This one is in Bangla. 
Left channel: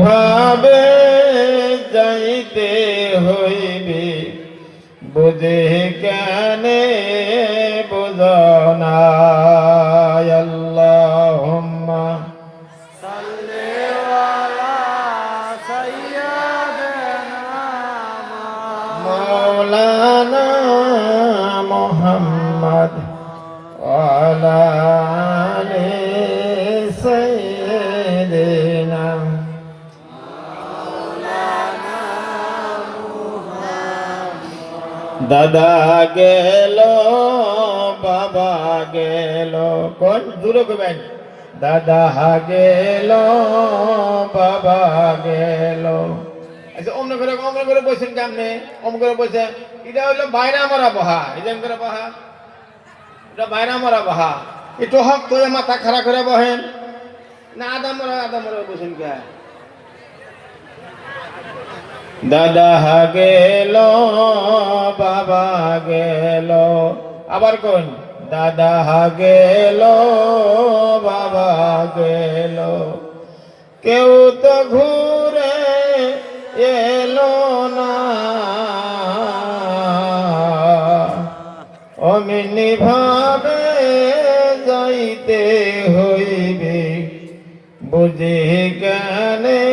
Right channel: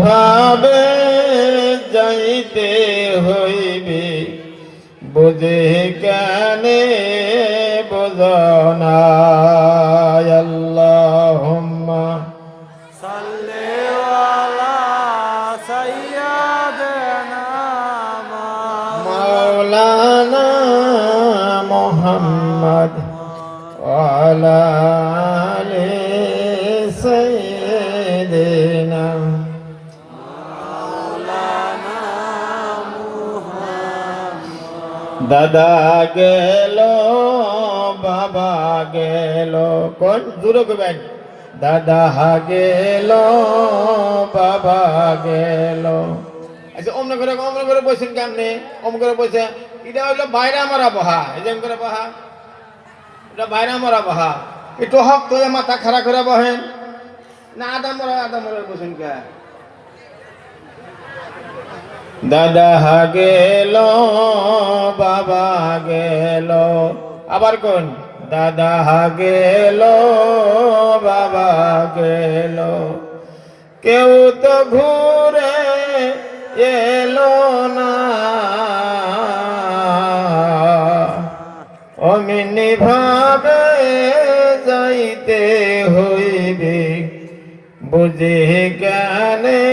ভাবে যাইতে হইবে বুঝে কেনে বোঝনা আল্লাহুম্মা সাল্লি আলা সাইয়্যিদিনা মাওলানা মুহাম্মদ ওয়া আলা আলি সাইয়্যিদিনা দাদা গেল বাবা গেল কোন জোরে কবেন দাদা গেল বাবা গেল আচ্ছা অমন করে বসেন কেমনে অমন করে বসে এটা হইলো বাইরে মারা বহা এই যেমন করে বহা এটা বাইরে মারা বহা একটু হক তো মাথা খাড়া করে বহেন না আদা মরা বসেন কে দাদা গেল বাবা গেল আবার কোন দাদা গেল বাবা গেল কেউ তো ঘুরে এলো না অমনি ভাবে যাইতে হইবে বুঝে কেনে